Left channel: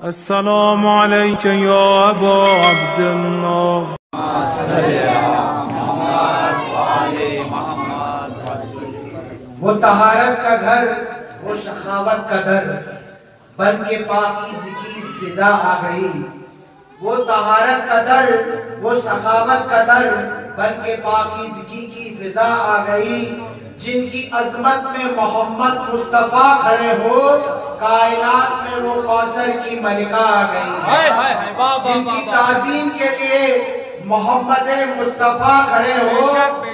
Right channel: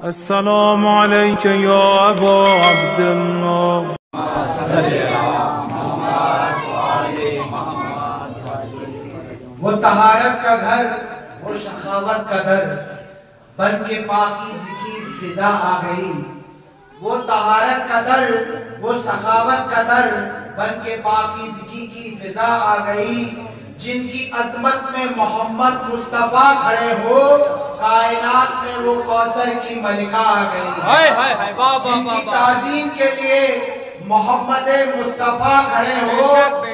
अस्सलामु अलैका या अबा अब्दुल्लाह। वो तहारत का घर, वो सखावत का दर, बन के पाकीज़ की फिजा आ गई। वो तहारत का दर, वो सखावत का दर, बन के पाकीज़गी की फिजा आ गई। जिनकी अजमत में मोहम्मद मुस्तफा खड़े हो, कायनात में वो कौसर की मलिका आ गई। जिनकी ताज़ीम के लिए मोहम्मद मुस्तफा खड़े हो,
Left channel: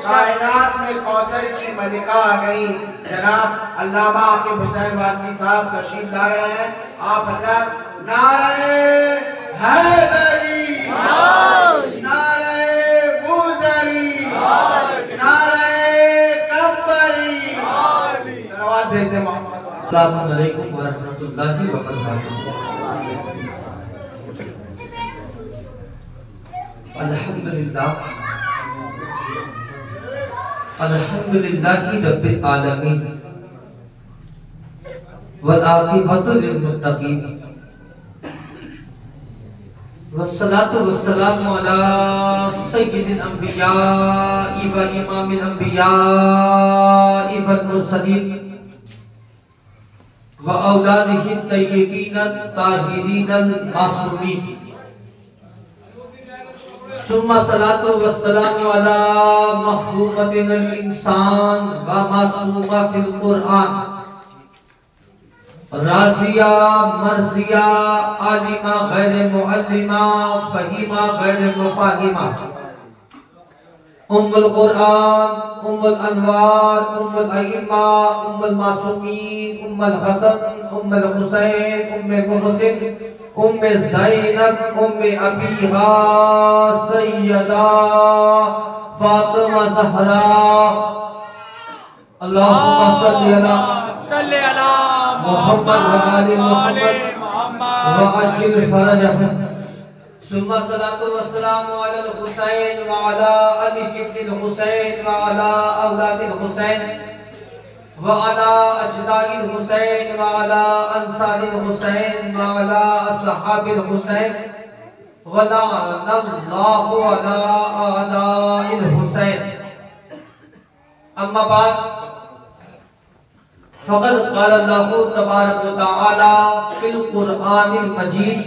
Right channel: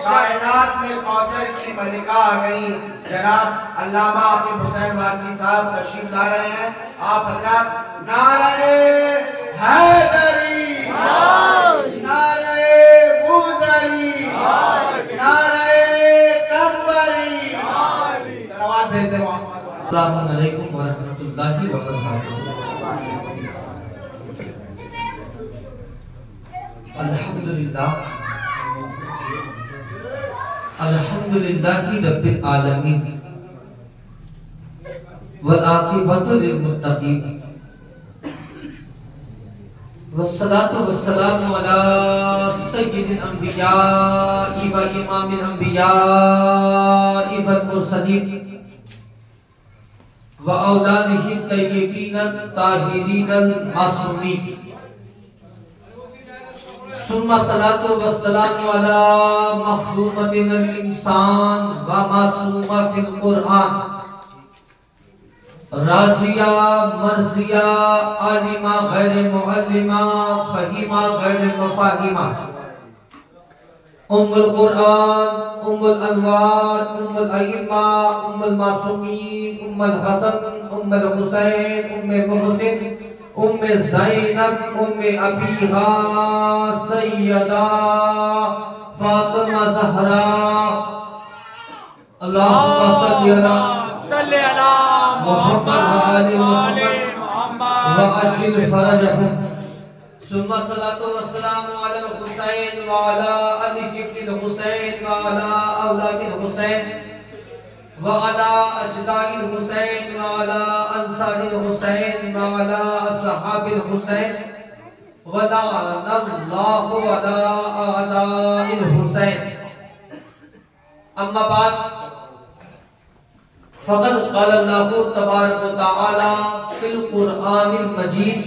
कायनात में कौसर की मलिका आ गई। जनाब अल्लामा आकिब हुसैन वारसी साहब तशरीफ ला रहे हैं। आप हजरात नारे हैदरी, नारे बुज़री, नारे कंबरी, सलावत भेजते मोहम्मद। अस्सलामु अलैकुम व रहमतुल्लाहि व बरकातुहू। अल्हम्दुलिल्लाह अल्हम्दुलिल्लाहि रब्बिल आलमीन वल आक़िबतु लिल मुत्तक़ीन वस्सलातु वस्सलामु अला सय्यिदिल अंबिया'i व इमामिल अंबिया'i वल मुरसलीन व औलादिहि तय्यबीन ताहिरीन मासूमीन। सुम्मा सलातु वस्सलामु अला महबूबतिल इंसान व मासूमा फिल कुरआन, राज़िया मर्ज़िया आलिमा गैर मुअल्लिमा फहीमा गैर मुफाहिमा, उम्मुल कुरआन, उम्मुल अनवार, उम्मुल अइम्मा, उम्मुल मासूमीन, उम्मुल हसन, उम्मुल हुसैन, उम्मे मुहसिन, उम्मे ज़ैनब, उम्मे अबीहा सैयदा फातिमा ज़हरा। अल्लाहुम्मा सल्ली अला मुहम्मद व आलि मुहम्मद व अज्जिल फरजहुम। सुम्मा सलातु वस्सलामु अलल हुसैन व अला अली जिब्रिल हुसैन व अला औलादिल हुसैन व अला अजदाइल हुसैन व अला अंसारिल हुसैन व अला असहाबिल हुसैन व लअनल्लाहु अला आदाइल हुसैन। अम्मा बाद फ़क़द क़ाल अल्लाहु तबारक व तआला फ़िल क़ुरआनिल मजीद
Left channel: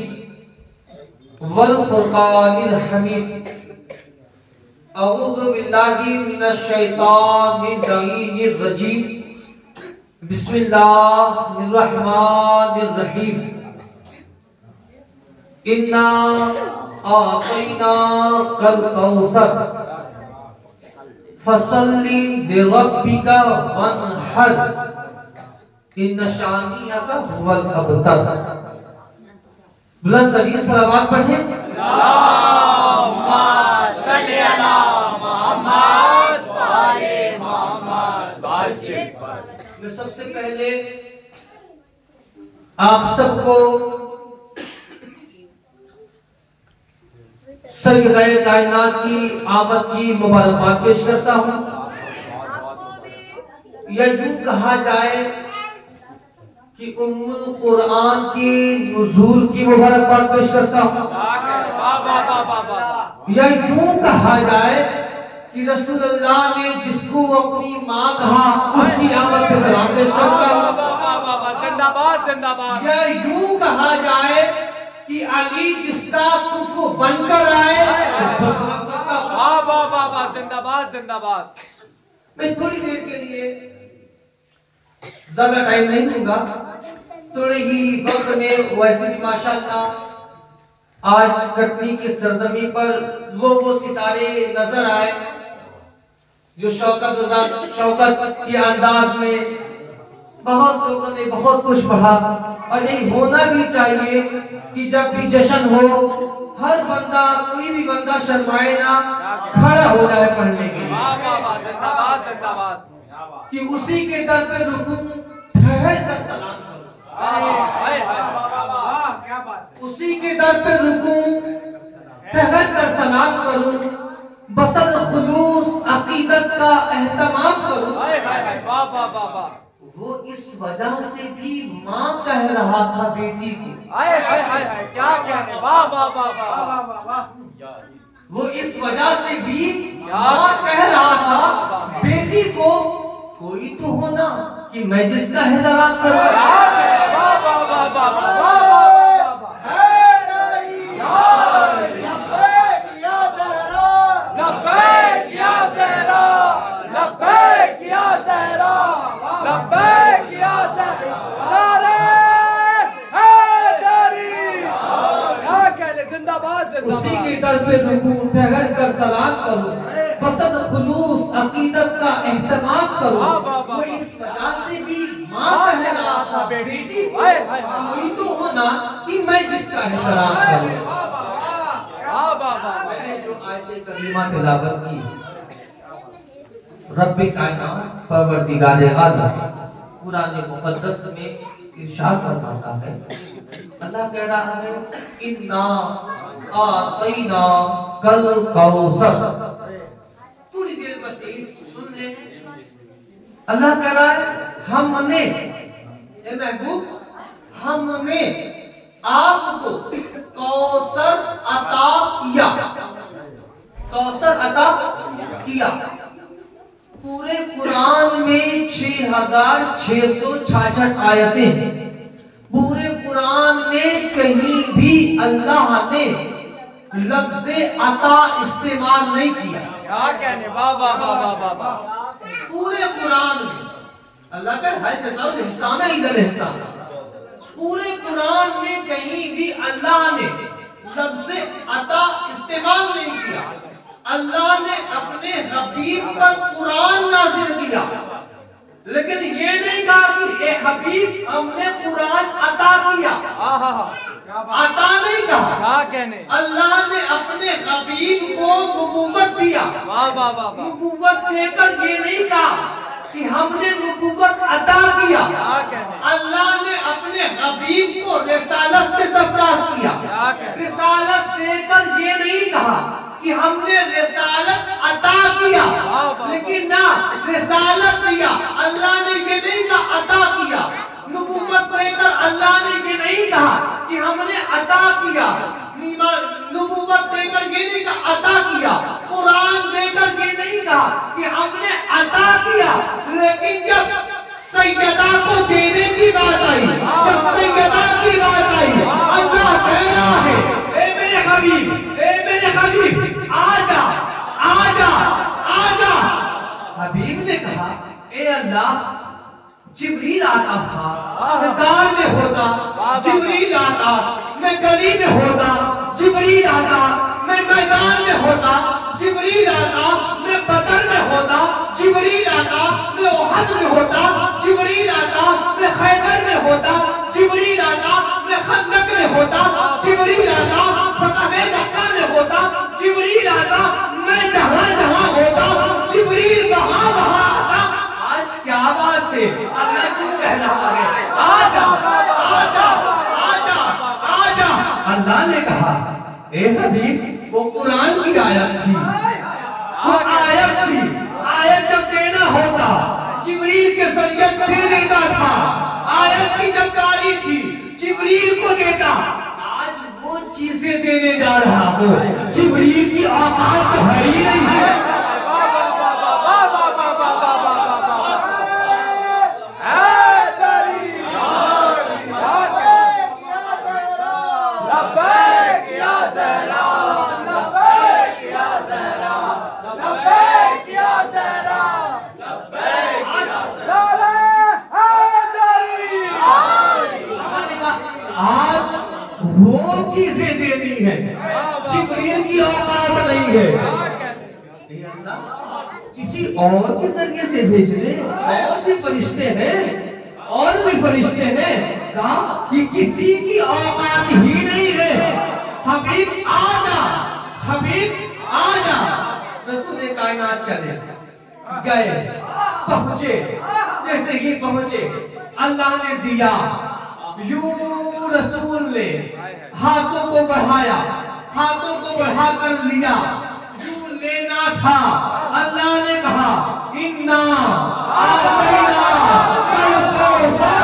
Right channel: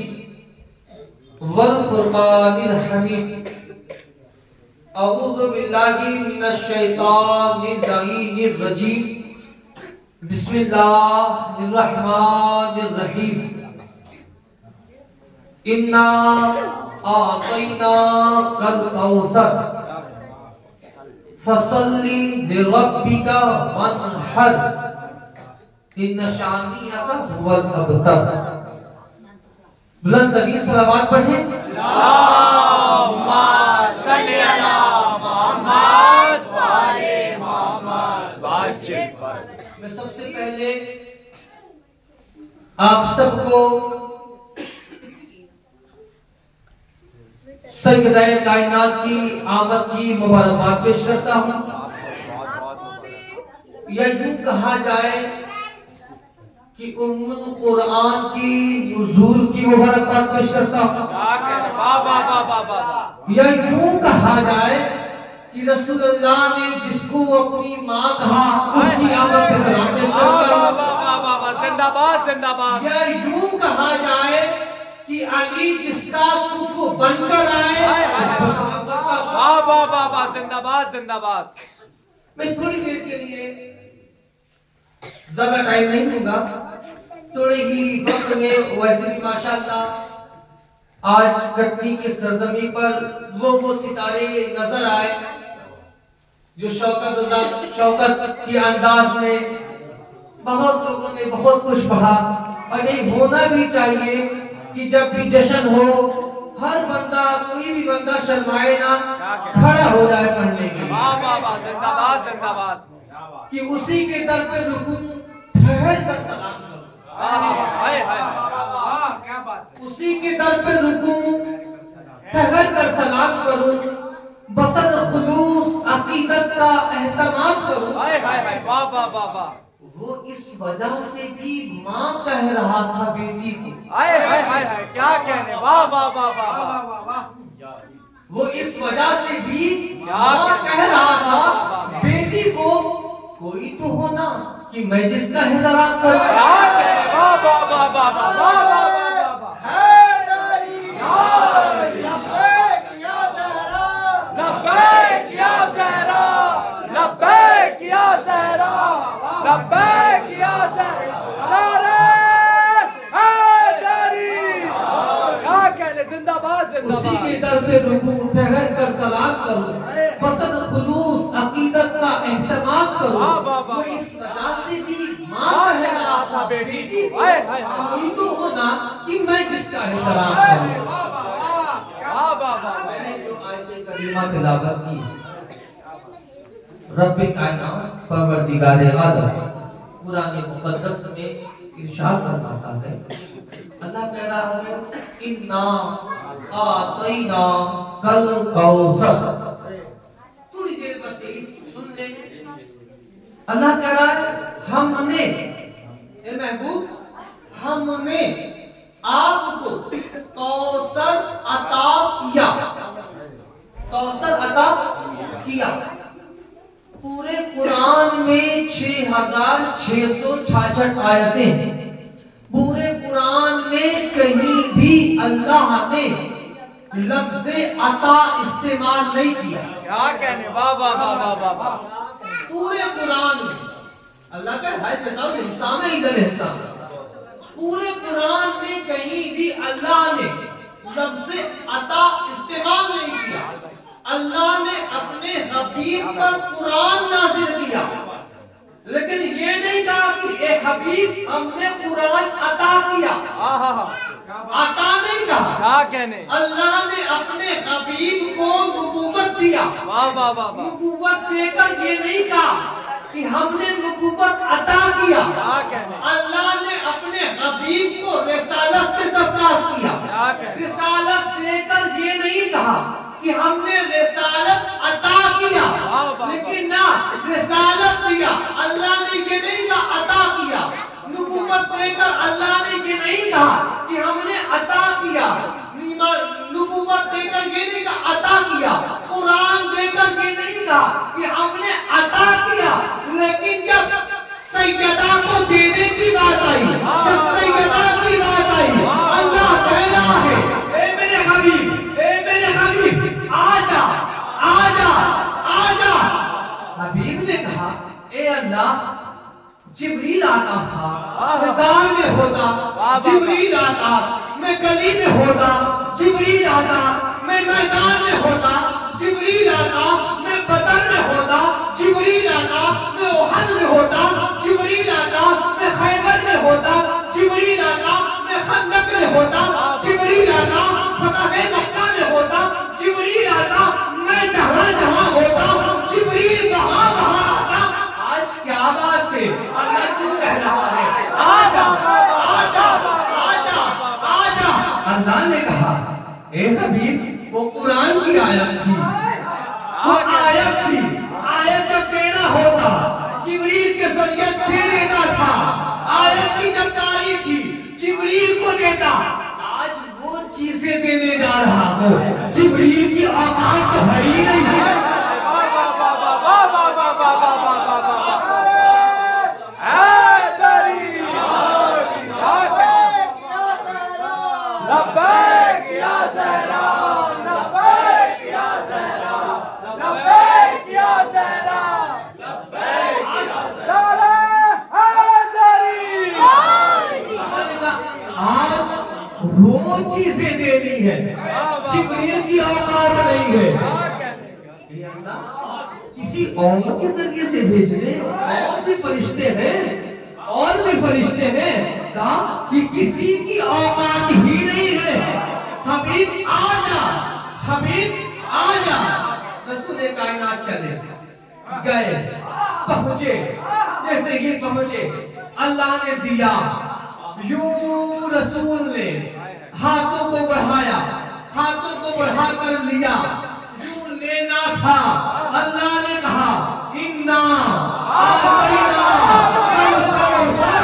वल फ़ुरक़ानिल हमीद। अऊज़ु बिल्लाहि मिनश शैतानिर रजीम। बिस्मिल्लाहिर्रहमानिर्रहीम। इन्ना आतैनाकल कौसर फसल्ली लिरब्बिका वन्हर इन्ना शानिअका हुवल अबतर। बुलंद तरीन सलावत पढ़ें। अल्लाहुम्मा सल्ली अला मुहम्मद व आले मुहम्मद बारिक। मैं सबसे पहले आप सबको सरगदाए कायनात की आमद की मुबारकबाद पेश करता हूं। या यूं कहा जाए कि उम्मुल कुरआन की नुज़ूल की मुबारकबाद पेश करता हूं। या यूं कहा जाए कि रसूलुल्लाह ने जिसको अपनी मां कहा उसकी आमद पे सलाम पेश करता हूं। जिंदाबाद जिंदाबाद। या यूं कहा जाए कि अली जिसका कुफु बनकर आए जिंदाबाद जिंदाबाद। मैं थोड़ी देर के लिए ज्यादा टाइम नहीं दूंगा, थोड़े ही वक्त में वैसे भी माशाअल्लाह आज कटनी की सरजमी पर वो सितारे नजर आए जो शौकत के अंदाज में बहुत लोगों ने बहुत कुछ पढ़ा। और नहीं होना भी चाहिए कि जब भी जश्न हो हर बंदा कोई भी बंदा शर्माए ना, खड़ा हो जाए पढ़ने के लिए कि उसी के दर पे रुकूं, ठहर कर सलाम करूं। उसी के दर पे रुकूं, ठहर कर सलाम करूं, बसद खुलूस अकीदत का एहतमाम करूं। वो इस वजह से भी माँ कह रहा था बेटी को, क्या कहने, वाह वाह वाह वाह वाह। वो इस वजह से भी माँ कह रहा था बेटी को, कोई तो होना कि मैं जिसका हिदायत करूं। उसी के दर पे रुकूं, ठहर कर सलाम करूं, पसंद खुलूस अकीदत का एहतमाम करूं। वो इस वजह से भी माँ कह रहा था बेटी कोई तो होना कि मैं जिसका एहतराम करूं। मैंने जो आयत करीमा तिलावत की, रब्बे कायनात परवरदिगार आलम कुरान मुक़द्दस में इरशाद फरमाता है, अल्लाह कह रहा है इन्ना आतैना कल कौसर। थोड़ी देर बस यही सुन ले। अल्लाह कह रहा है हमने, ए महबूब हमने आपको कौसर अता किया, कौसर अता किया। पूरे कुरान में 6666 आयतें, पूरे कुरान में कहीं भी अल्लाह ने लफ्ज़े अता इस्तेमाल नहीं किया। क्या कहने, वाह वाह वाह वाह वाह। पूरे कुरान में अल्लाह का हर जज़ा इंसान है, इधर इंसान। पूरे कुरान में कहीं भी अल्लाह ने लफ्ज़े अता इस्तेमाल नहीं किया। अल्लाह ने अपने हबीब पर कुरान नाज़िल किया, लेकिन ये नहीं कहा कि ए हबीब हमने कुरान अता किया। अता नहीं कहा। क्या कहने, अल्लाह ने अपने हबीब को नबूवत दिया। वाह वाह वाह। नबूवत देकर ये नहीं कहा कि हमने नबूवत अता किया। क्या कहने, अल्लाह ने अपने हबीब को रिसालत से सरफराज किया। क्या कहने, रिसालत देकर ये नहीं कहा कि हमने रिसालत अता किया, लेकिन ना रिसालत दिया। अल्लाह ने ये नहीं कहा अता किया। नबूवत देकर अल्लाह ने ये नहीं कहा कि हमने अता किया। नबूवत देकर ये नहीं कहा अता किया। कुरान देकर ये नहीं कहा कि हमने अता किया। लेकिन जब सैयदा को देने की बात आई, जब सैयदा की बात आई, अल्लाह कह रहा है ए मेरे हबीब, ए मेरे हबीब आजा आजा आजा। हबीब ने कहा ए अल्लाह, जिब्रील आता था, मैदान में होता जिब्रील आता, मैं गली में होता जिब्रील आता, मैं मैदान में होता जिब्रील आता, मैं बदर में होता जिब्रील आता, मैं ओहद में होता जिब्रील आता, मैं खैबर में होता जिब्रील आता, मैं खंदक में होता जिब्रील आता, फतह मक्का में होता जिब्रील आता, मैं जहां जहां होता जिब्रील वहां वहां आता। आज क्या बात है, अल्लाह क्यों कह रहा है आजा आजा आजा आजा। अल्लाह ने कहा ए हबीब, वो कुरान की आयत थी, वो आयत थी। आयत जब देना होता जिब्रील के जरिए दे देता था। आयत की जब तारीफ थी जिब्रील को देता। आज वो चीजें देने जा रहा हो, जिब्रील की औकात तो है ही नहीं है। वो चीजें देनी है, जिब्रील की औकात नहीं है। किसी और के जरिए से भेजने और भी फरिश्ते हैं, और भी फरिश्ते हैं। कहा कि किसी की औकात ही नहीं है। हबीब आजा, हबीब आजा। रसूल कायनात चले गए, पहुंचे, जैसे ही पहुंचे अल्लाह ने दिया। यूं रसूल ने हाथों को बढ़ाया, हाथों को बढ़ाकर लिया। यूं लेना था, अल्लाह ने कहा इन्ना आतैना कल कौसर।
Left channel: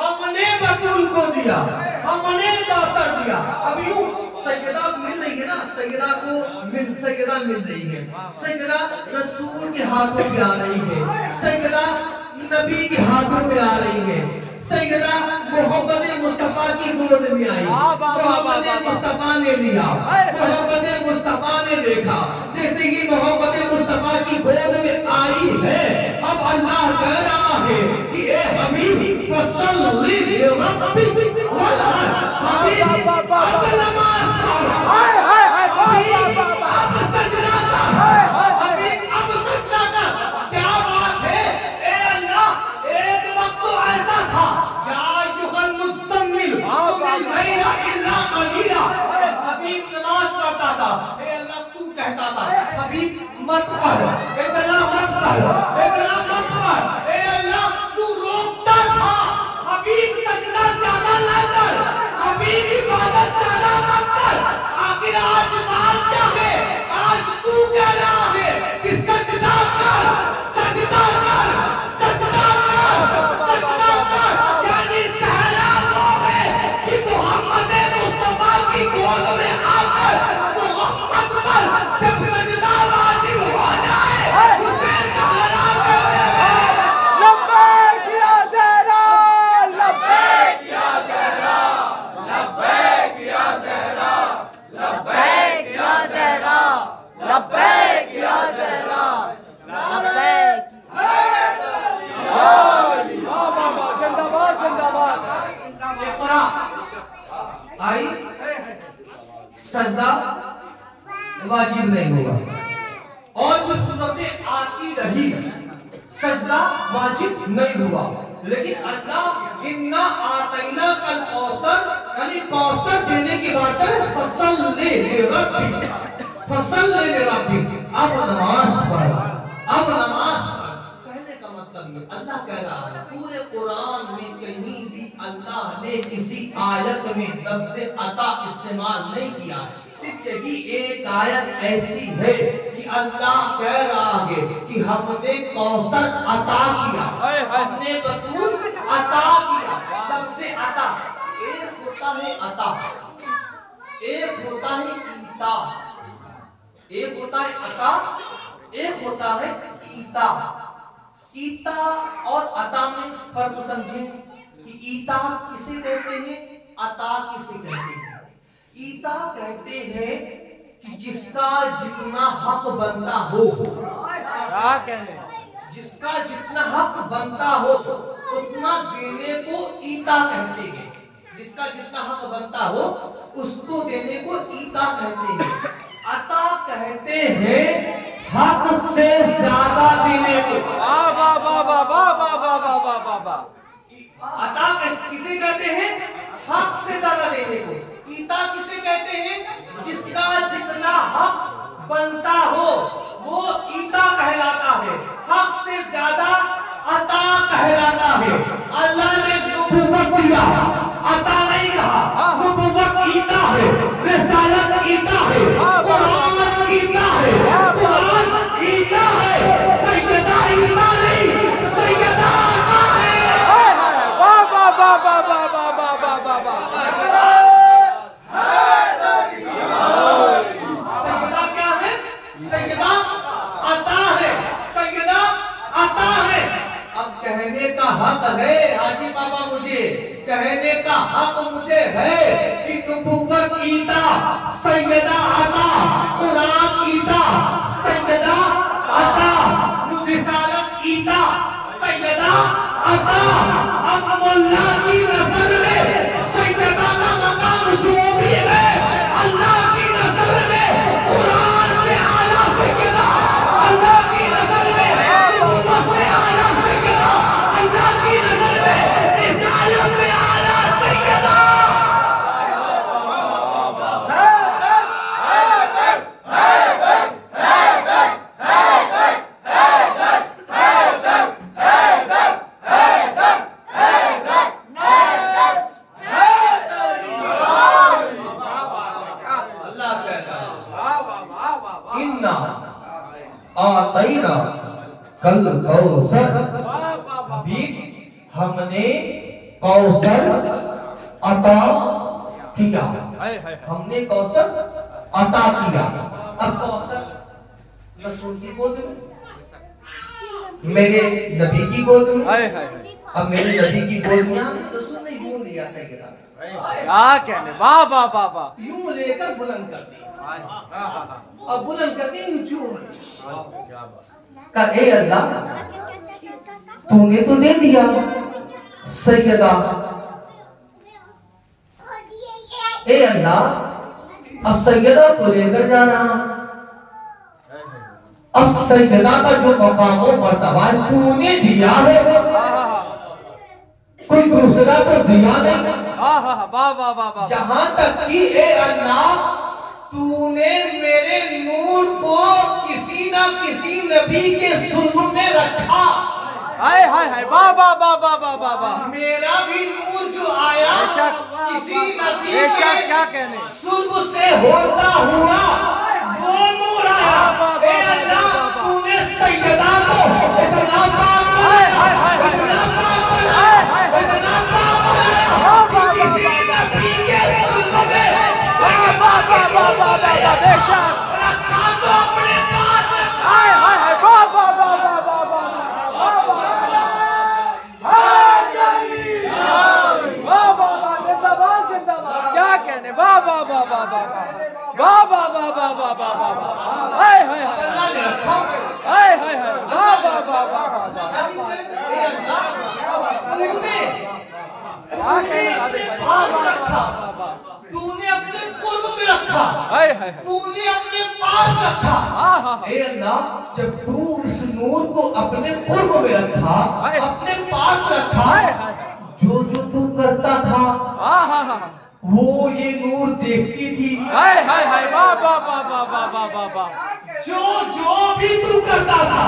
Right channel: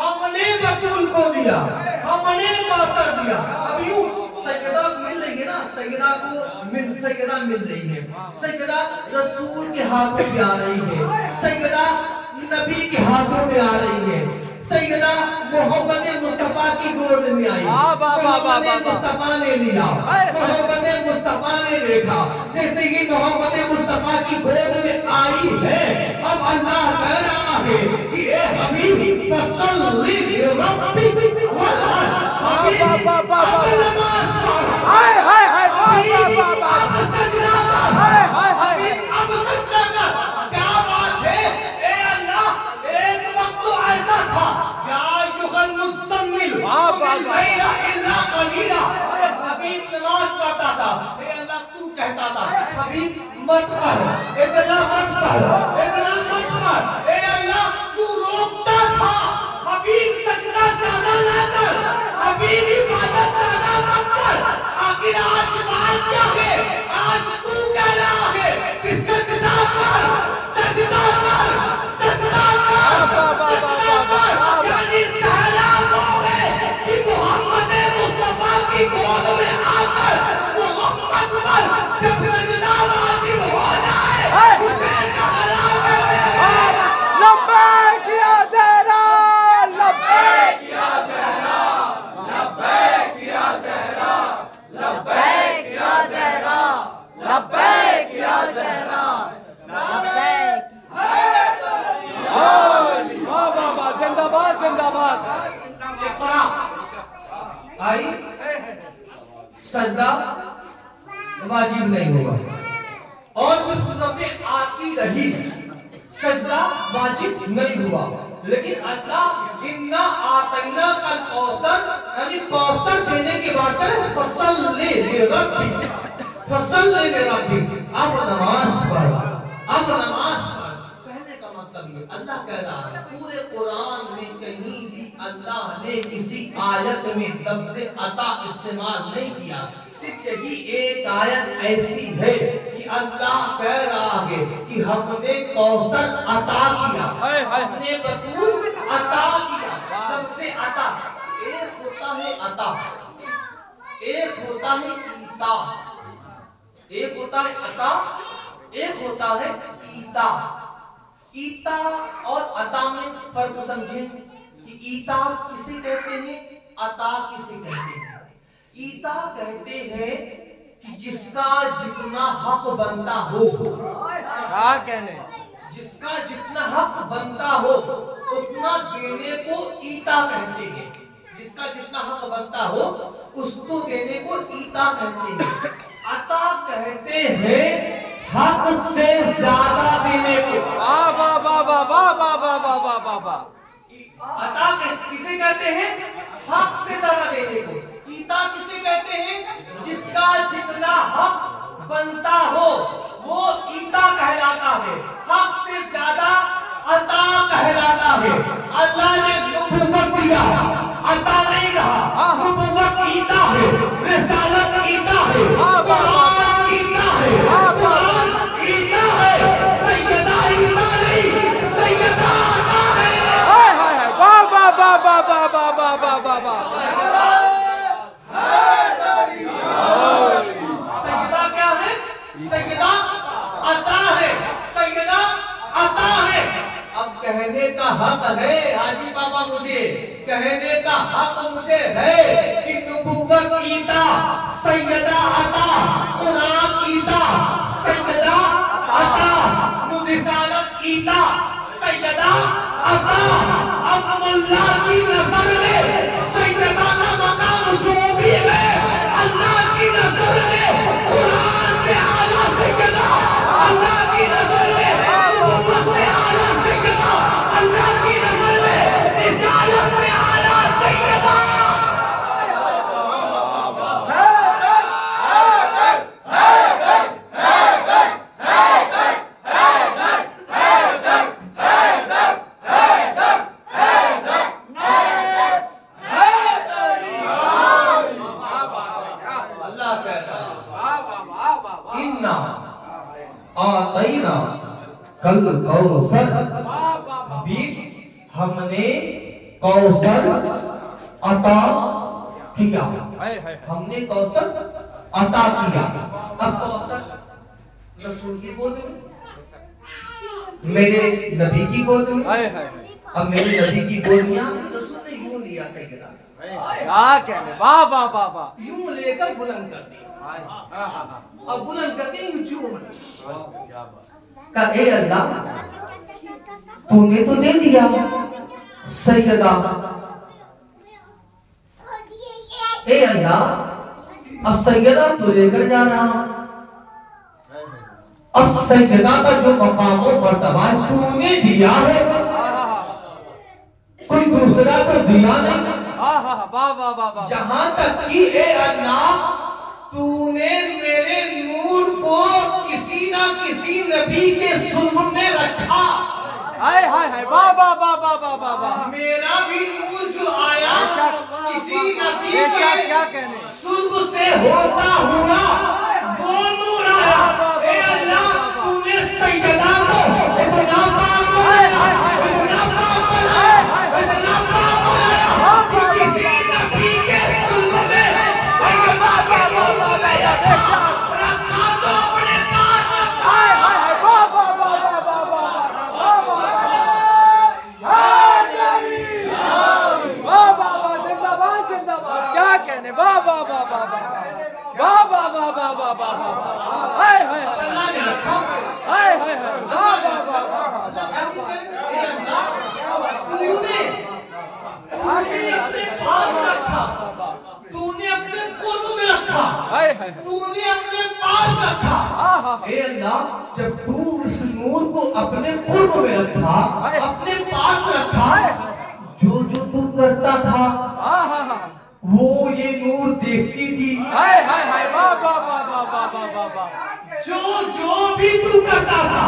हमने बतूल को दिया, हमने कौसर दिया। अब यूं सैयदा मिल रही है ना, सैयदा मिल रही है, सैयदा रसूल के हाथों पे आ रही है, सैयदा नबी के हाथों पे आ रही है, सैयदा मोहम्मद मुस्तफा की गोद में आई, मोहम्मद मुस्तफा ने लिया, मोहम्मद मुस्तफा ने देखा। जैसे ही मोहम्मद मुस्तफा की गोद में आई है, अब अल्लाह कह रहा है कि ए हबीब फसल्ली लिरब्बिक वनहर, हबीब अब नमाज पढ़, अब सजदा कर, हबीब अब सजदा कर। क्या बात है, ए अल्लाह एक वक्त तो ऐसा था हबीब नमाज पढ़ता था, अल्लाह तू कहता था हबीब मत पढ़, मत पढ़, मत पढ़, अल्लाह तू रोकता था हबीब सजदा ज्यादा ना कर, हबीब इबादत ज्यादा मत कर। आखिर आज बात क्या है, आज तू कह रहा है कि सजदा कर, सजदा कर, सजदा कर, सजदा कर। यानी कि मोहम्मद मुस्तफा की गोद में आकर मोहम्मद पर जब सजदा वाजिब हो जाए, उसे लब्बैक या ज़हरा, लब्बैक या ज़हरा, लब्बैक या ज़हरा, लब्बैक या ज़हरा, लब्बैक या ज़हरा, लब्बैक। जिंदाबाद जिंदाबाद। आई सजदा वाजिब नहीं होगा, और कुछ सूरतें आती रही, सजदा वाजिब नहीं हुआ। लेकिन अल्लाह इन्ना आतैना कल कौसर, यानी कौसर देने के बाद फसल्ली लिरब्बिक, फसल्ली लिरब्बिक, अब नमाज पढ़, अब नमाज पढ़। कहने का मतलब ये अल्लाह कह रहा है, पूरे कुरान में कहीं भी अल्लाह ने किसी आयत में लफ्ज़ अता इस्तेमाल नहीं किया। सिर्फ यही एक आयत ऐसी है कि अल्लाह कह रहा है कि हमने कौसर अता किया, हमने बतूल अता किया। लफ्ज़ अता, एक होता है अता, एक होता है ईता, एक होता है अता, एक होता है ईता। ईता और अता में फर्क समझें कि ईता किसे कहते हैं, अता किसे कहते हैं। ईता कहते हैं कि जिसका जितना हक बनता हो, क्या कहने, जिसका जितना हक बनता हो उतना देने को ईता कहते हैं। जिसका जितना हक बनता हो उसको देने को ईता कहते हैं। अता कहते हैं हक से ज्यादा देने को। वाह वाह वाह वाह वाह वाह वाह वाह वाह वाह वाह। अता किसे कहते हैं, हक से ज्यादा देने को। ईता किसे कहते हैं, जिसका जितना हक बनता हो वो ईता कहलाता है, हक से ज्यादा अता कहलाता है। अल्लाह ने नबूवत दिया, अता नहीं कहा। नबूवत ईता है, रिसालत ईता है, कुरान ईता है, कुरान ईता है, सैयदा ईता नहीं, सैयदा अता है। वाह वाह वाह वाह वाह वाह वाह वाह वाह वाह। सैयदा क्या है, सैयदा अता है, सैयदा अता है। अब कहने का हक है हाजी बाबा, मुझे कहने का हक मुझे है कि नबूवत ईता, सैयदा अता, कुरान ईता, सैयदा अता, रिसालत ईता, सैयदा अता। अब मुल्ला की नजर में सैयदा का मकाम जो भी है, अल्लाह की नजर में कुरान से आला सैयदा, अल्लाह की नजर में नबूवत से आला सैयदा, अल्लाह की नजर में रिसालत से आला सैयदा। इन्ना आतैना कल कौसर, हमने कौशल अता किया। हमने कौशल अता किया। अब कौशल रसूल की गोद में, मेरे नबी की गोद में। अब मेरे नबी की गोद में रसूल ने यूं लिया सैयदा, क्या कहने, वाह वाह वाह वाह, यूं लेकर बुलंद कर दिया। अब बुलंद करते यूं चूम का, ए अल्लाह तूने तो दे दिया सैयदा, ए अल्लाह अब सैयदा को लेकर जाना। अब सैयदा का जो मकाम और मर्तबा तूने दिया है, कोई दूसरा तो दिया नहीं। वाह वाह वाह वाह, जहां तक कि ए अल्लाह तूने मेरे नूर को किसी ना किसी नबी के सुल्ब में रखा। हाय हाय हाय, वाह वाह वाह वाह वाह वाह वाह, मेरा भी नूर जो आया किसी नबी के क्या कहने, सुल्ब से होता हुआ वो नूर आया। ए अल्लाह तूने सैयदा को इतना पाक बनाया, इतना पाक बनाया, इतना पाक बनाया, किसी नबी के सुल्ब में सैयदा के रूप में रखा तो अपने पास रखा। हाय हाय हाय, वाह वाह वाह वाह वाह वाह वाह वाह वाह वाह, जिंदाबाद जिंदाबाद, क्या कहने, वाह वाह वाह वाह वाह वाह वाह वाह वाह वाह वाह वाह, हाय हाय हाय हाय हाय हाय, वाह वाह वाह वाह, तूने अपने पास रखा, तूने अपने कुर्ब में रखा, हाय हाय, तूने अपने पास रखा। ए अल्लाह जब तू उस नूर को अपने कुर्ब में रखा, अपने पास रखा, जो जो तू करता था वो ये नूर देखती थी। हाय हाय हाय, वाह वाह वाह वाह वाह वाह वाह वाह, जो जो भी तू करता था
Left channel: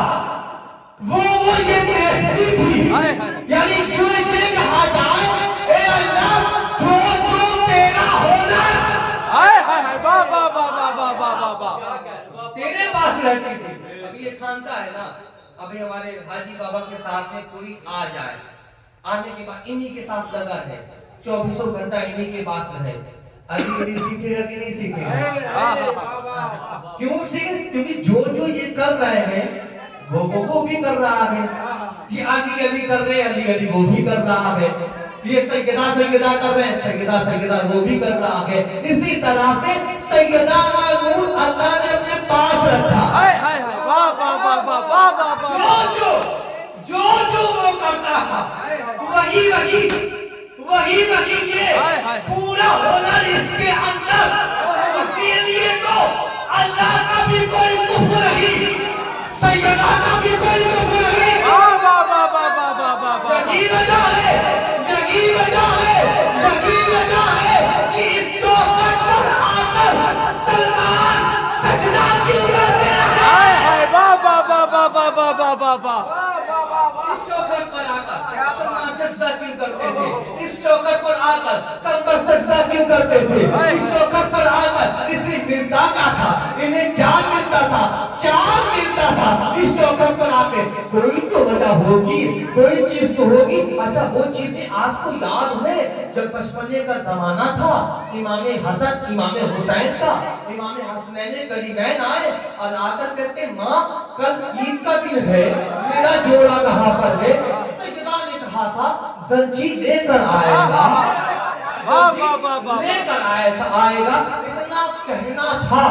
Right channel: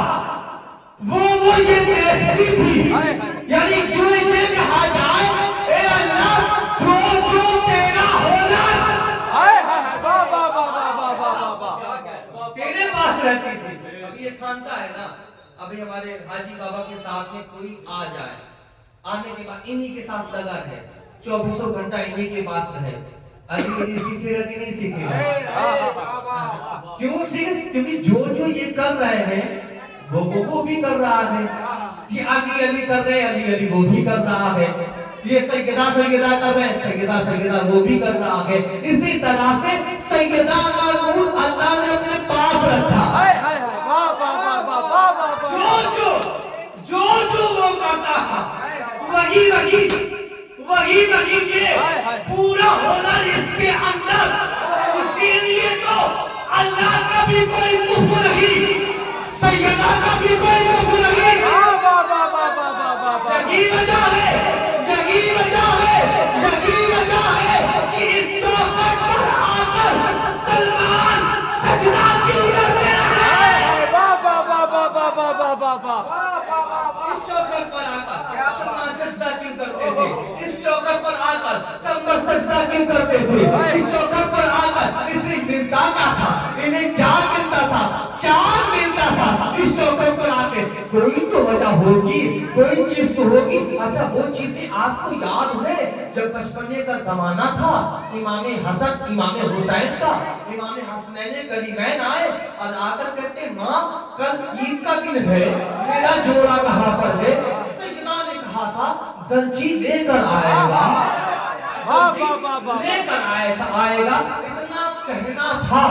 वो ये देखती थी। यानी जो ये कहा जाए ए अल्लाह जो जो तेरा होना, हाय हाय हाय, वाह वाह वाह वाह वाह वाह वाह, तेरे पास रहती थी। अभी ये खानका है ना, अभी हमारे हाजी बाबा के साथ में कोई आ जाए, आने के बाद इन्हीं के साथ लगा है, 24 घंटा इन्हीं के पास रहे। अभी सीखेगा कि नहीं सीखेगा? क्यों सीख? क्योंकि जो जो ये कर रहे हैं वो भी कर रहा है। कि अली अली कर रहे हैं, अली अली वो भी कर रहा है। ये सैयदा सैयदा कर रहे हैं, सैयदा सैयदा वो भी कर रहा है। इसी तरह से सैयदा का नूर अल्लाह ने अपने पास रखा। हाय हाय हाय, वाह वाह वाह वाह वाह वाह, जो जो वो करता था वही वही वही वही ये पूरा होना इसके अंदर। उसके लिए तो अल्लाह का भी कोई कुफ्र नहीं, सैयदा का भी कोई कुफ्र नहीं। वाह वाह वाह वाह वाह वाह वाह, यही वजह है, यही वजह है, यही वजह है कि इस चौखट पर आकर सलमान सजदा क्यों करते रहे। वाह वाह वाह वाह वाह वाह वाह वाह वाह, इस चौखट पर आकर सलमान सजदा क्यों करते थे? इस चौखट पर आकर कंबर सजदा क्यों करते थे? इस चौखट पर आकर इसे मिलता क्या था? इन्हें चार मिलता था, चार मिलता था। इस चौखट पर आके कोई तो वजह होगी, कोई चीज तो होगी। अच्छा वो चीजें आपको याद है जब बचपने का जमाना था, इमाम हसन इमाम हुसैन का, इमाम हसनैन करीमैन आए और आकर कहते माँ कल ईद का दिन है, मेरा जोड़ा कहाँ पर है? सैयदा ने कहा था दर्जी लेकर आएगा, लेकर आएगा, इतना कहना था।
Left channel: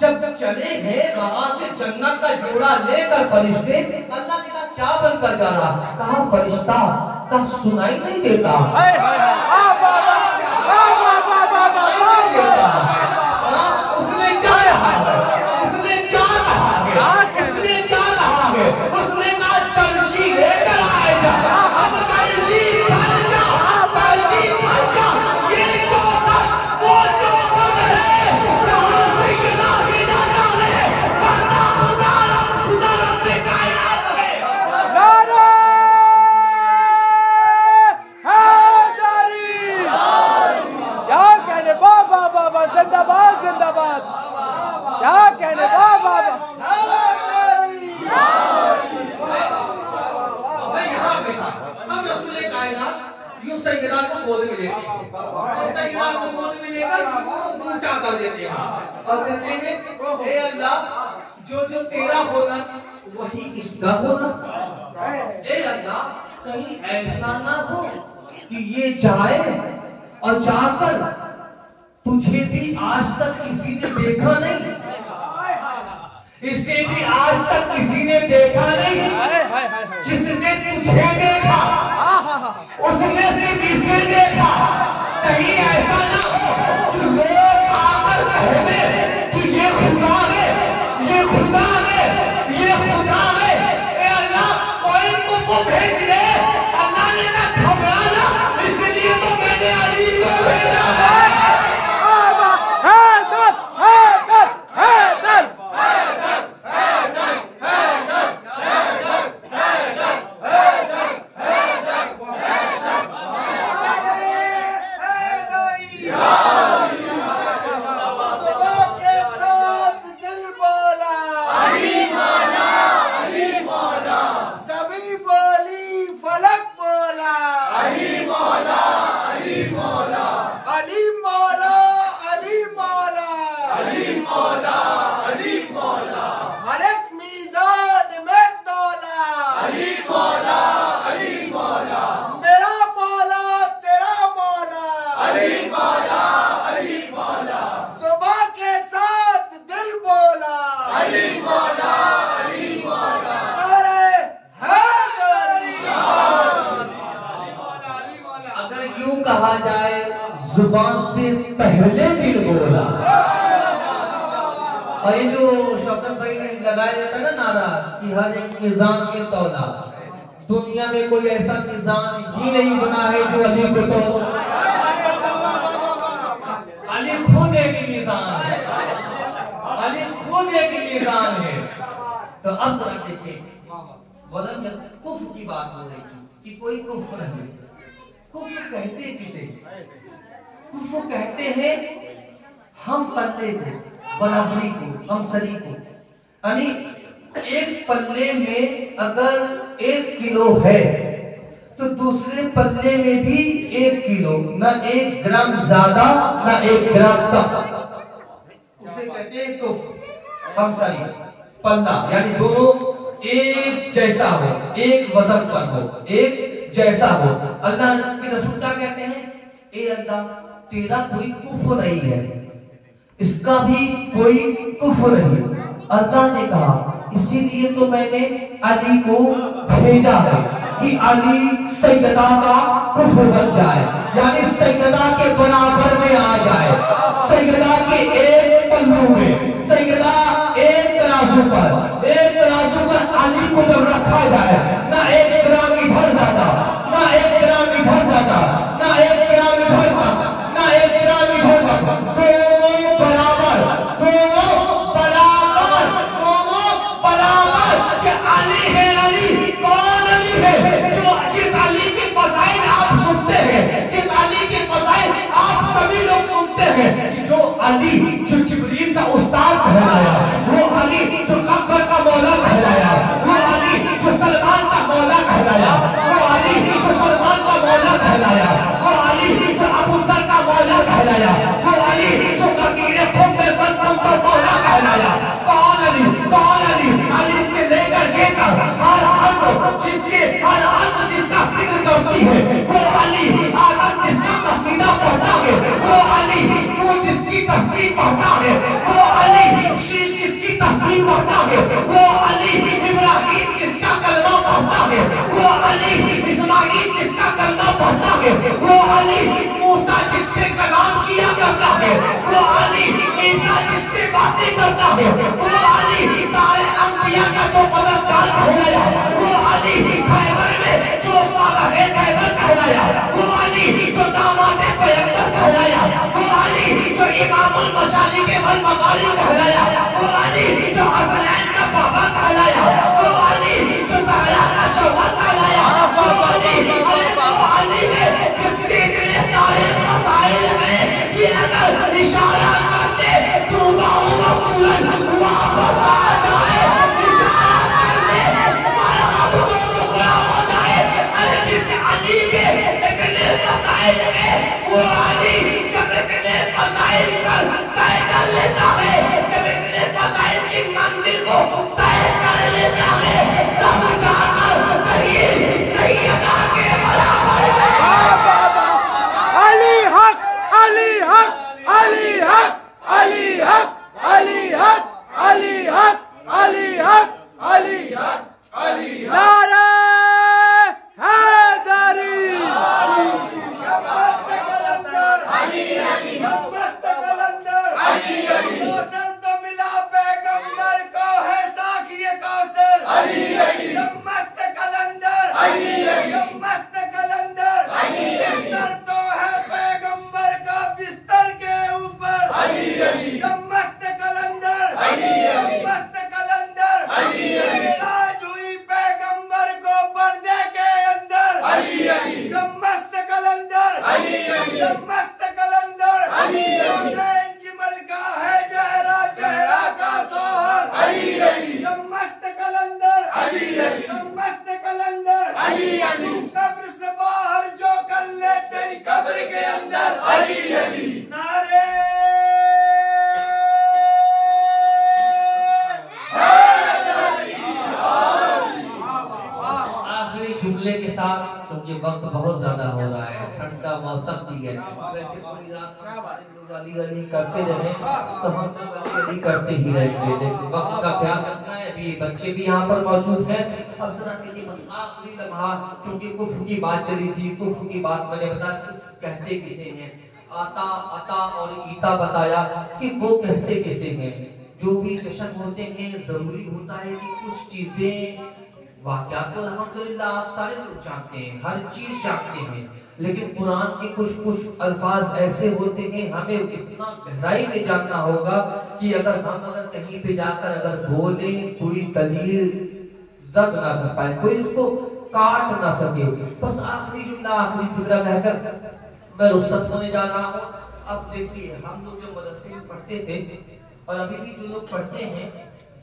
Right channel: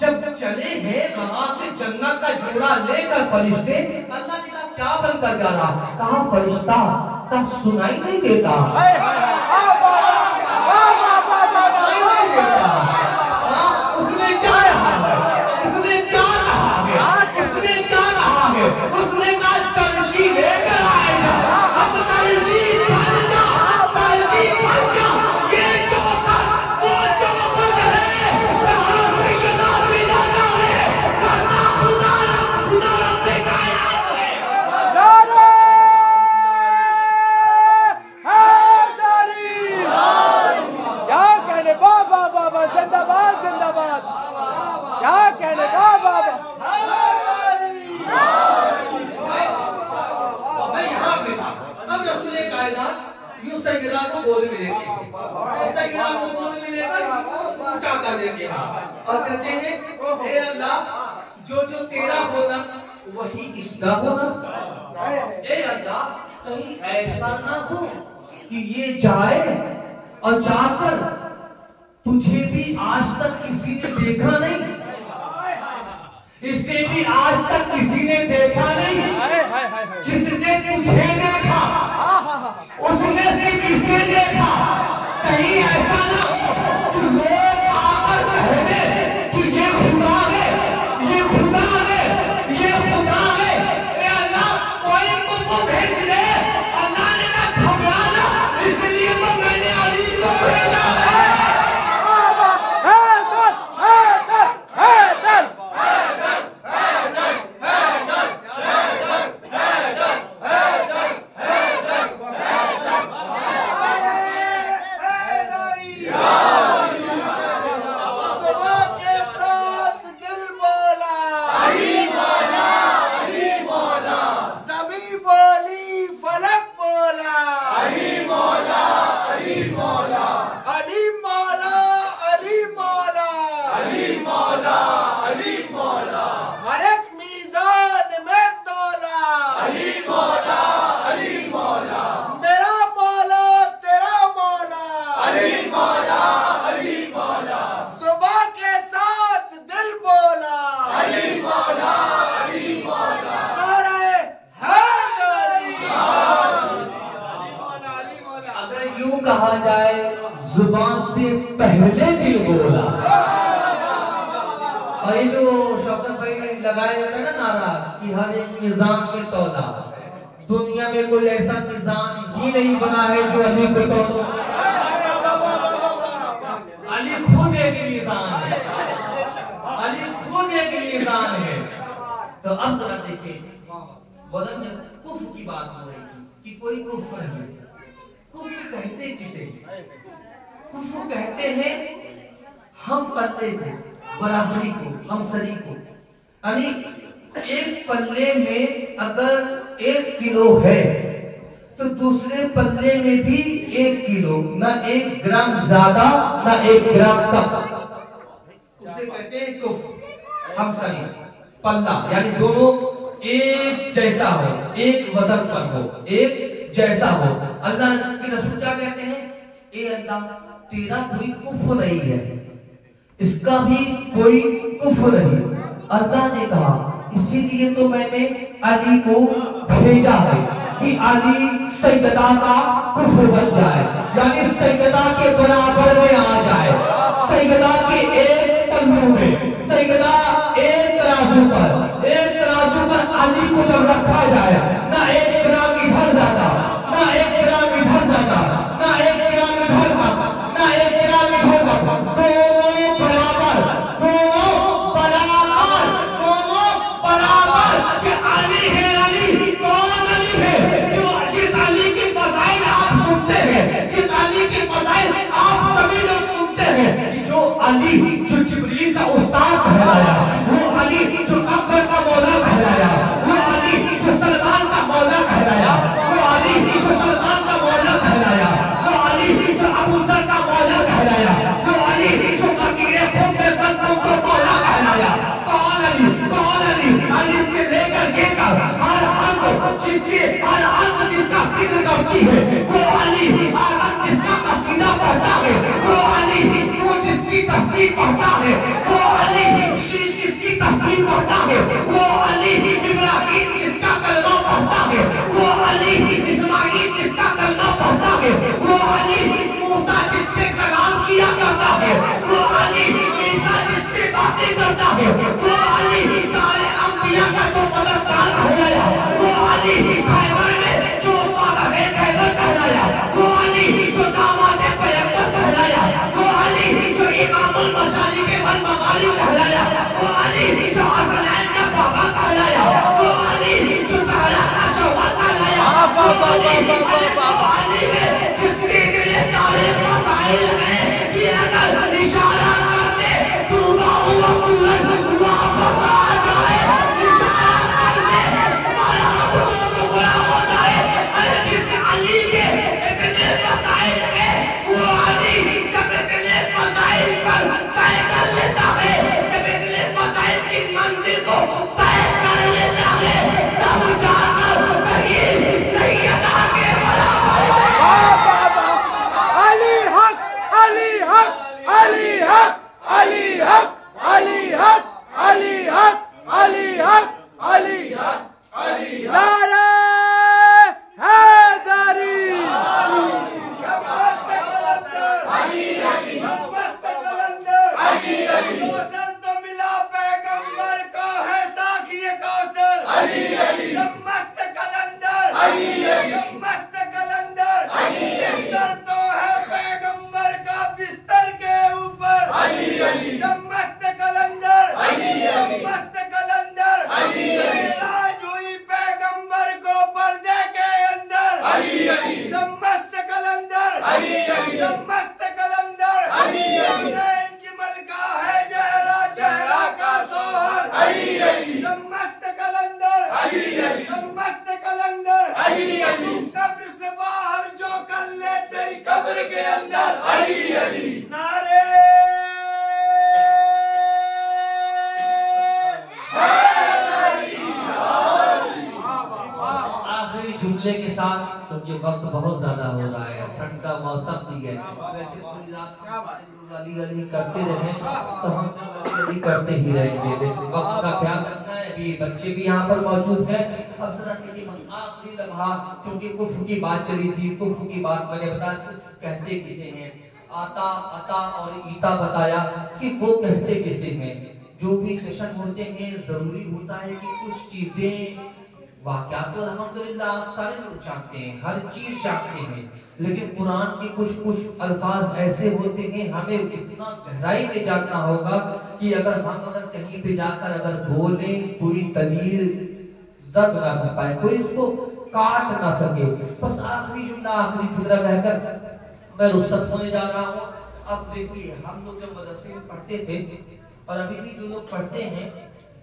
जब चले हैं वहां से जन्नत का जोड़ा लेकर फरिश्ते, अल्लाह ने कहा क्या बनकर जाना? कहा फरिश्ता का सुनाई नहीं देता, उसने क्या कहा है? उसने क्या कहा है? उसने क्या कहा है? उसने कहा दर्जी लेकर आएगा। अब दर्जी बन जा, दर्जी बन जा। ये चौखट वो चौखट है जहां से गिना भी ना जाने, करना खुदा रब ने कायनात है। नारे हैदरी, गोद में लेते हैं, सैयदा को गोद में लेकर ऊंचा कर देते हैं और कहते हैं हे अल्लाह जो जो तेरा होना वही इसका होना। हे अल्लाह कहीं ऐसा ना हो कि ये जाए और जाकर तुझे भी आज तक किसी ने देखा नहीं, इसे भी आज तक किसी ने देखा नहीं। जिसने तुझे देखा उसने सिर्फ इसे देखा। कहीं ऐसा ना हो कि लोग आकर कहें कि ये खुदा है, ये खुदा है, ये खुदा है। ए अल्लाह कोई को भेज दे। अल्लाह ने कहा घबराना, इसलिए तो मैंने अली को भेजा। जुबान से पहले दिल बोला। और ये जो शौकत भाई लगाया जाता है ना नारा कि हर एक निजाम के तौला, दुनिया में कोई ऐसा निजाम ही नहीं बना है जो अली को तोड़। अली खुद एक निजाम है, अली खुद एक निजाम है। तो अब जरा देखिए वजन में कुफ्र की बात हो रही थी कि कोई कुफ्र नहीं। कुफ्र कहते किसे? कुफ्र कहते हैं हम पल्ले को, बराबरी को, हम सरी को। यानी एक पल्ले में अगर 1 किलो है तो दूसरे पल्ले में भी 1 किलो, ना 1 ग्राम ज्यादा ना 1 ग्राम कम। उसे कहते हैं कुफ्र। हम सरी पल्ला यानी दोनों एक जैसा हो, एक वजन पर हो, एक जैसा हो। अल्लाह के रसूल क्या कहते हैं? ए अल्लाह तेरा कोई कुफ्र नहीं है, इसका भी कोई कुफ्र नहीं। अल्लाह ने कहा इसीलिए तो मैंने अली को भेजा है कि अली सैयदा का कुफ्र बन जाए, यानी सैयदा के बराबर में आ जाए। सैयदा के एक पल्लू में, सैयदा एक तराजू पर, एक तराजू पर अली को जब रखा जाए, ना 1 ग्राम इधर ज्यादा, ना 1 ग्राम इधर ज्यादा, ना 1 ग्राम इधर कम, ना 1 ग्राम इधर कम, दोनों बराबर, दोनों बराबर, दोनों बराबर। कि अली है अली, कौन अली है? जो जिस अली की फज़ाइल आप सुनते हैं, जिस अली की फज़ाइल आप सभी लोग सुनते हैं, जो अली जो जिब्रील का उस्ताद कहलाया, वो अली जो अकबर का मौला कहलाया, वो अली जो सलमान का मौला कहलाया, वो अली जो सलमान का मौला कहलाया, वो अली जो अबू जर का मौला कहलाया, वो अली जो फकीरे खुद में बंदों का मौला कहलाया। कौन अली? कौन अली? अली से लेकर ये तक हर अंग जिसके, हर अंग जिसका जिक्र करती है, वो अली। आदम जिसका कसीदा पढ़ता है, वो अली। वो जिसकी तस्बीह पढ़ता है, वो अली। शीश जिसकी तस्बीह पढ़ता है, वो अली। इब्राहिम जिसका कलमा पढ़ता है, वो अली। इस्माइल जिसका कलमा पढ़ता है, वो अली। मूसा जिससे कलाम किया करता है, वो अली। ईसा जिससे बातें करता है, वो अली। सारे अंबिया का जो मददगार कहलाया, वो अली। खैबर में जो फादर है खैबर कहलाया, वो अली। जो दामाद पैगंबर कहलाया, वो अली। जो इमामुल मशारिक वल मगारिब कहलाया, वो अली। जो हसनैन का बाबा कहलाया, वो अली। जो ज़हरा का शौहर कहलाया, वो अली है। जिसके इतने सारे मसाइल हैं कि अगर इशारा करते डूबा हुआ सूरज वापस आ जाए, इशारा करते नारे आखिरी जुमले के साथ, क्योंकि वक्त बहुत ज्यादा हो रहा है, ठंड का मौसम भी है, वैसे कोई गाली गाली करते रहे तो हम गाली करते ही रहेंगे, लेकिन वक्त का ख्याल रखना है। अभी बच्चे भी यहाँ पर मौजूद हैं। अब जरा देखिए आखिरी लम्हा, क्योंकि कुफ्र की बात चली थी, कुफ्र की बात मैंने बताया कुफ्र कहते किसे हैं, आता अता और ईता बताया कि वो कहते किसे हैं। जो भी जश्न होते हैं जरूरी होता है कि कुछ चीजें वाक़यात तो अल्हम्दुलिल्लाह आप सारे लोग जानते हैं, हर चीज जानते हैं, लेकिन कुरान के कुछ अल्फाज ऐसे होते हैं हमें इतना गहराई में जानना होगा कि अगर कहीं पे जाकर अगर बोले कोई दलील जद ना कर पाए, कोई उसको काट ना सके। बस आखिरी जुमला आखिरी जुमला रहकर मैं रुखसत होने जा रहा हूँ। अब देखिए हम लोग जब मदरसे में पढ़ते थे और अभी भी जो लोग पढ़ते हैं,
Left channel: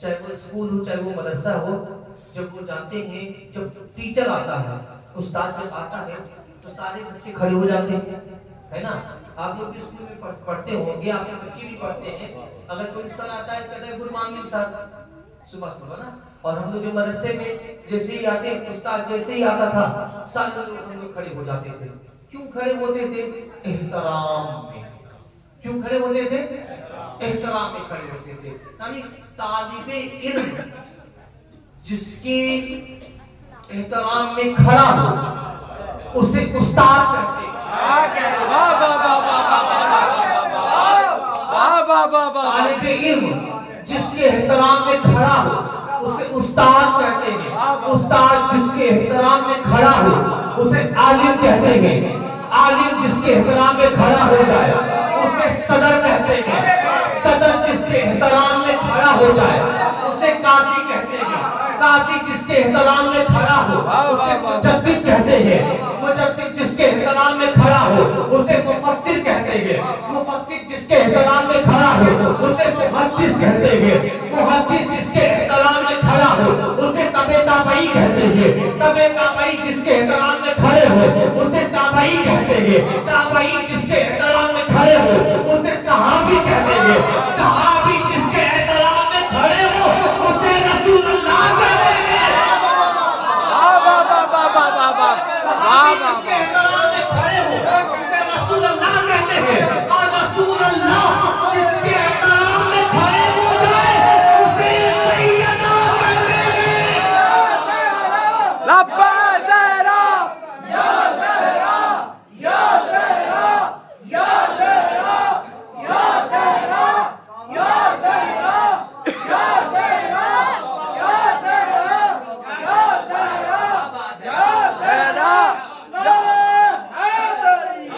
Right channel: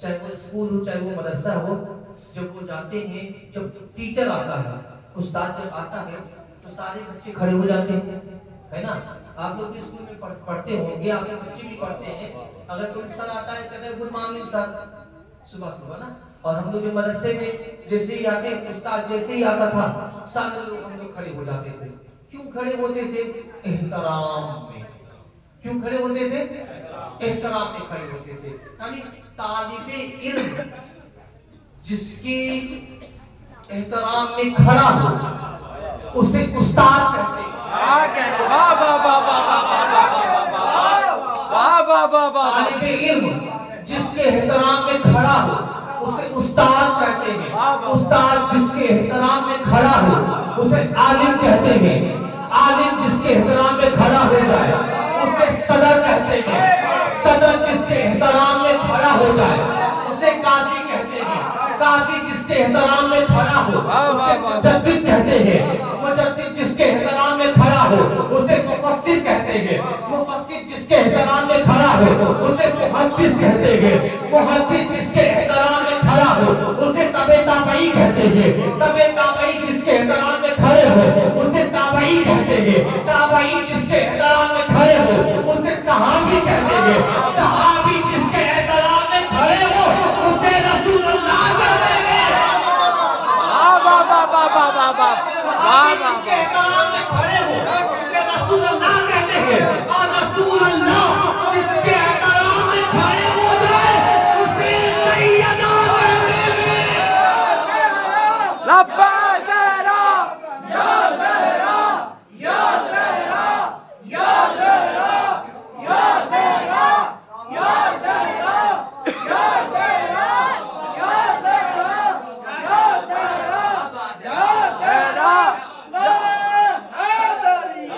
चाहे वो स्कूल हो चाहे वो मदरसा हो, जब वो जाते हैं, जब टीचर आता है, उस्ताद जब आता है तो सारे बच्चे खड़े हो जाते हैं, है ना। आप लोग स्कूल में पढ़ते होंगे, आप लोग बच्चे भी पढ़ते हैं। अगर कोई सर आता है कहता है गुड मॉर्निंग सर, सुबह सुबह ना। और हम लोग जो मदरसे में जैसे ही आते, उस्ताद जैसे ही आता था, सारे लोग हम लोग खड़े हो जाते थे। क्यों खड़े होते थे? एहतराम में। क्यों खड़े होते थे? एहतराम में खड़े होते थे। यानी तालिबे इल्म जिसके एहतराम में खड़ा हो उसे उस्ताद कहते हैं। वाह वाह वाह वाह वाह वाह वाह वाह। तालिबे इल्म जिसके एहतराम में खड़ा हो उसे उस्ताद कहते हैं। उस्ताद जिसके एहतराम में खड़ा हो उसे आलिम कहते हैं। आलिम जिसके एहतराम में खड़ा हो जाए उसे सदर कहते हैं। सदर जिसके एहतराम में खड़ा हो जाए उसे काजी कहते हैं। काजी जिसके एहतराम में खड़ा हो उसे मुजद्दिद कहते हैं। मुजद्दिद जिसके एहतराम में खड़ा हो उसे मुफस्सिर कहते हैं। मुफस्सिर जिसके एहतराम में खड़ा हो उसे मुहद्दिस कहते हैं। मुहद्दिस जिसके एहतराम में खड़ा हो उसे तबे ताबई कहते हैं। तबे ताबई जिसके एहतराम में खड़े हो उसे ताबई कहते हैं। ताबई जिसके एहतराम में खड़े हो उसे सहाबी कहते हैं। सहाबी जिसके एहतराम में खड़े हो उसे रसूलुल्लाह कहते हैं। वाह वाह वाह वाह वाह वाह वाह वाह वाह। एहतराम में खड़े हो उसे रसूलुल्लाह कहते हैं। और रसूलुल्लाह जिसके एहतराम में खड़े हो जाए उसे सैयदा कहते हैं। लब्बा ज़हरा या ज़हरा या ज़हरा या ज़हरा या ज़हरा या ज़हरा या ज़हरा या ज़हरा या ज़हरा या ज़हरा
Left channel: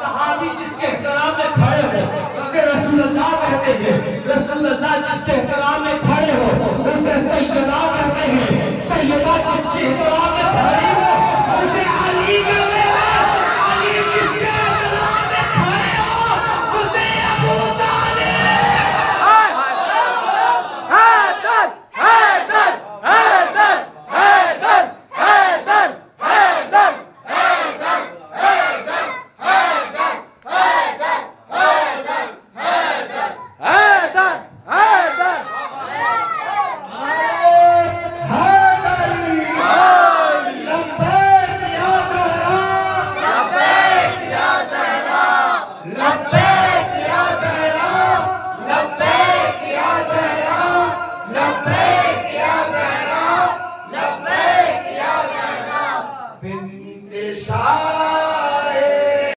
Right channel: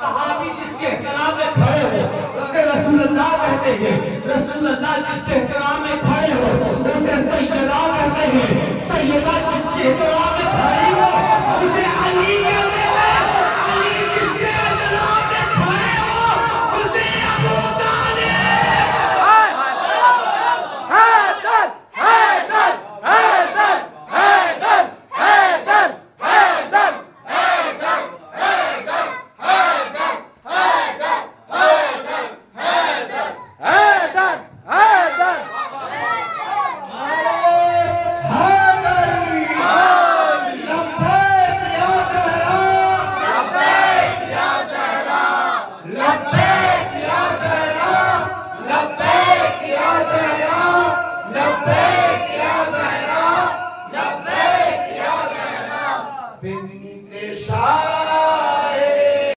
सहाबी जिसके एहतराम में खड़े हो उसके रसूलुल्लाह कहते हैं। रसूलुल्लाह जिसके एहतराम में खड़े हो उसे सैयदा कहते हैं। सैयदा जिसके एहतराम में खड़ी हो उसे अली कहते हैं। अली जिसके एहतराम में खड़े हो उसे अबू तालिब। हाय हाय हैदर हैदर हैदर हैदर हैदर हैदर हैदर हैदर। लब्बैक या ज़हरा लब्बैक या ज़हरा लब्बैक या ज़हरा लब्बैक